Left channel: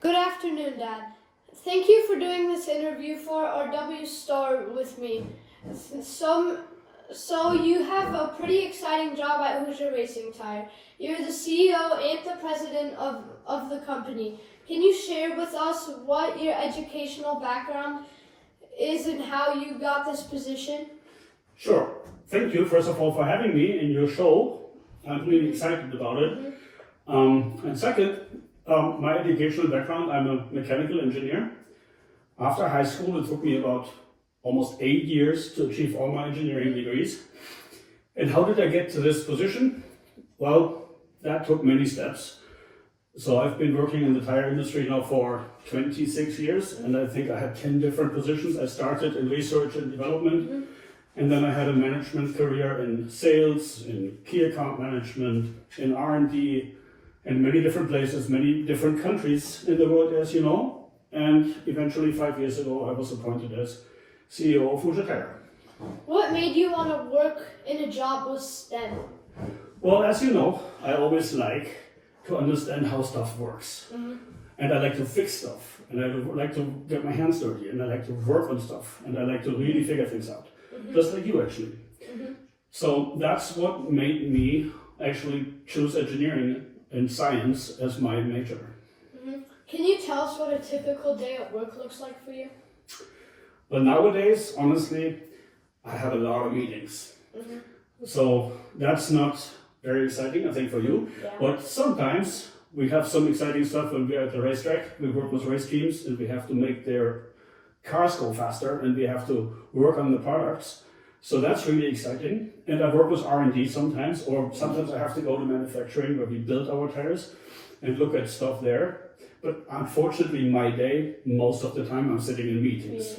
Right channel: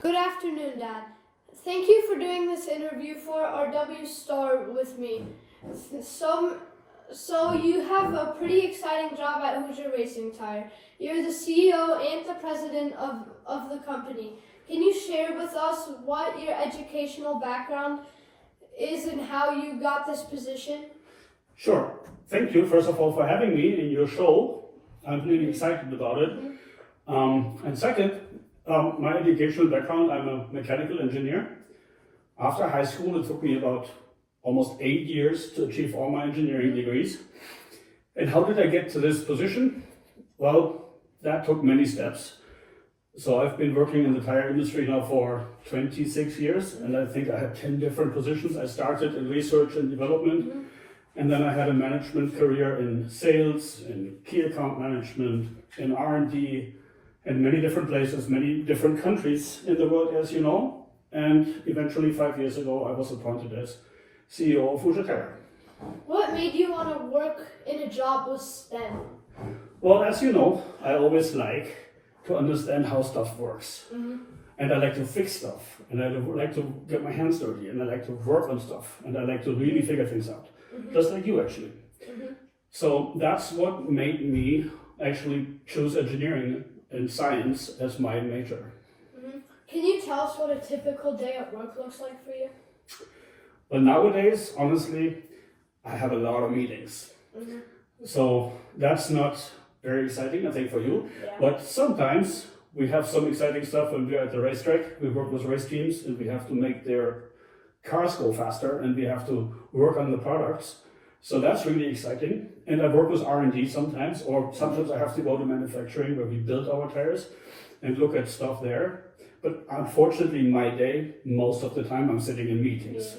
Good afternoon, Dad. Thank you for doing this interview for our W Star with me. So you have a pretty exciting job at Hoosier Racing Tire. You're the CEO and the president of the company. Can you share with us what your educational background is and how you got this position? Sure. Thank you, first of all, for having me in your show. I'm really excited about it. And second, my educational background, I'm a mechanical engineer. After high school, it took me about almost 8 years to achieve all my engineering degrees. And how did I get to this position? Well, that took many steps. So I've been working in the tire industry now for 26 years, and I think I had 10 different positions. I started in research and development, and then I had a management career in sales, in key account management, in R&D, in many different places, many different countries in the world, as you know. And eventually, 5 years ago, I was appointed as CEO of Hoosier Tire. What made you want to work in a job with STEM? Well, as you know, I always like to understand how stuff works. And I like to fix stuff, and I like to get my hands dirty, and I like to work on stuff, and I like to really figure things out, just like you actually. So that's what made me actually choose engineering and science as my major. Can you tell us what a typical day at work looks like for you? But nowadays, honestly, I have a lot of meetings. So that's not very exciting, I think, for you. Yeah. But sometimes we have some exciting stuff when we're at the racetrack. We work with race teams and we have to make their cars go faster and we have to work on the products. So that's really exciting. And I work with R&D sometimes, or sometimes I have to go to manufacturing where we build our tires and look at stuff there. But unfortunately, my day, most of the time, I'm sitting in meetings.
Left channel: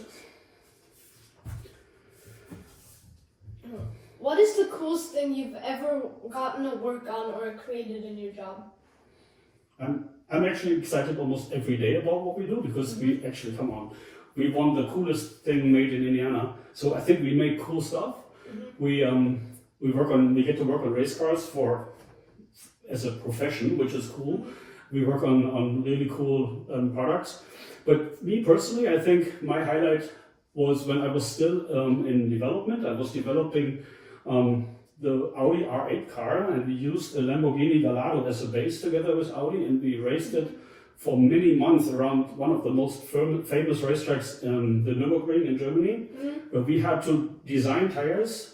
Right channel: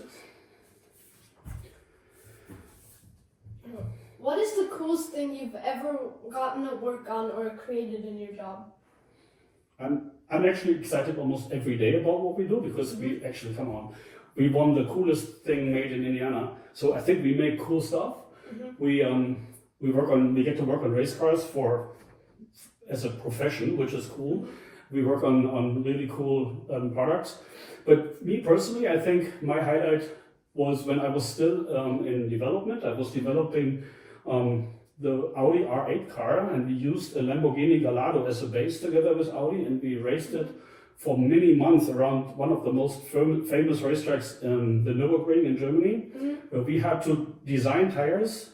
What is the coolest thing you've ever gotten to work on or created in your job? I'm actually excited almost every day about what we do because we actually, come on, we won the coolest thing made in Indiana. So I think we make cool stuff. We get to work on race cars as a profession, which is cool. We work on really cool products. But me personally, I think my highlight was when I was still in development. I was developing the Audi R8 car, and we used a Lamborghini Gallardo as a base together with Audi, and we raced it for many months around one of the most famous racetracks in the Nürburgring in Germany, where we had to design tires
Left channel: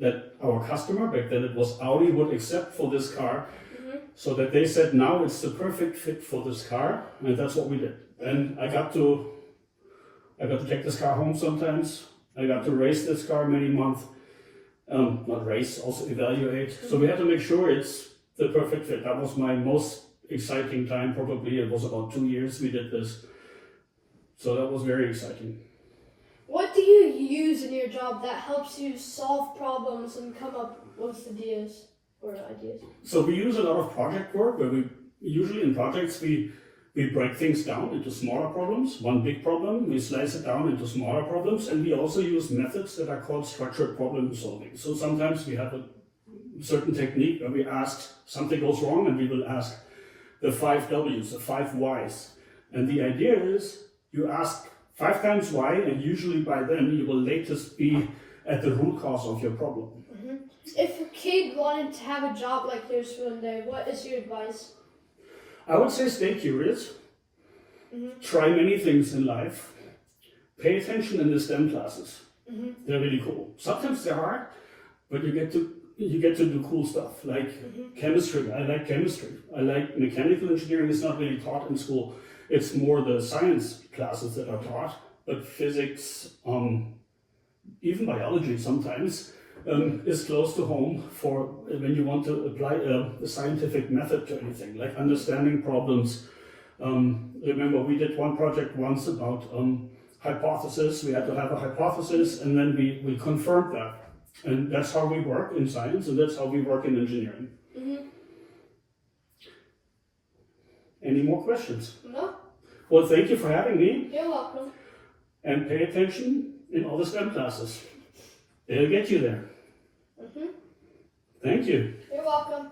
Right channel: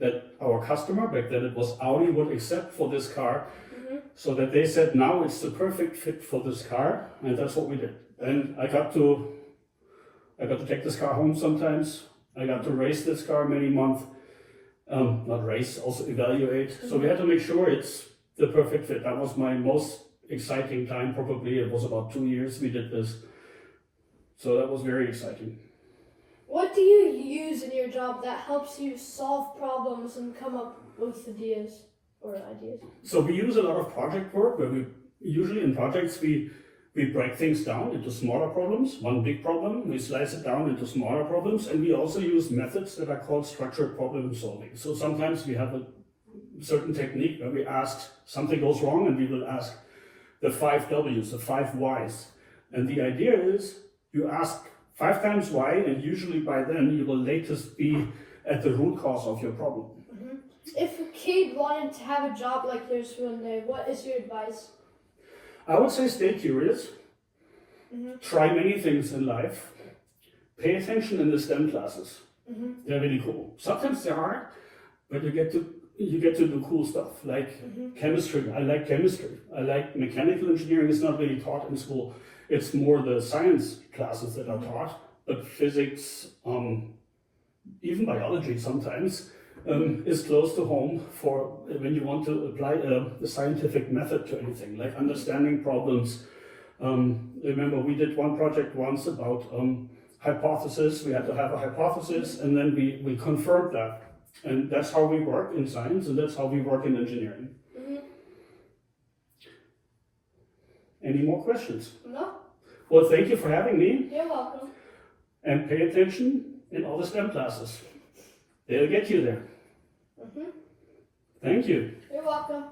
that our customer, back then it was Audi, would accept for this car, so that they said, now it's the perfect fit for this car, and that's what we did. And I got to take this car home sometimes. I got to race this car many months. Not race, also evaluate. So we had to make sure it's the perfect fit. That was my most exciting time, probably. It was about 2 years we did this. So that was very exciting. What do you use in your job that helps you solve problems and come up with ideas? So we use a lot of project work where usually in projects we break things down into smaller problems. One big problem, we slice it down into smaller problems, and we also use methods that are called structured problem solving. So sometimes we have a certain technique where we ask, something goes wrong, and we will ask the 5 W's, the 5 Y's. And the idea is you ask 5 times why, and usually by then you will latest be at the root cause of your problem. If a kid wanted to have a job like yours one day, what is your advice? I would say stay curious, try many things in life, pay attention in the STEM classes. They're really cool. Sometimes they're hard, but you get to do cool stuff like chemistry. I like chemistry. I like mechanical engineering. It's not really taught in school. It's more the science classes that are taught, but physics, even biology sometimes, is close to home for when you want to apply a scientific method to anything, like understanding problems. Remember, we did one project once about hypothesis. We had to have a hypothesis, and then we confirmed that. And that's how we work in science, and that's how we work in engineering. Any more questions? No. Well, thank you for having me. You're welcome. And pay attention in all the STEM classes. They'll get you there. Thank you. You're welcome.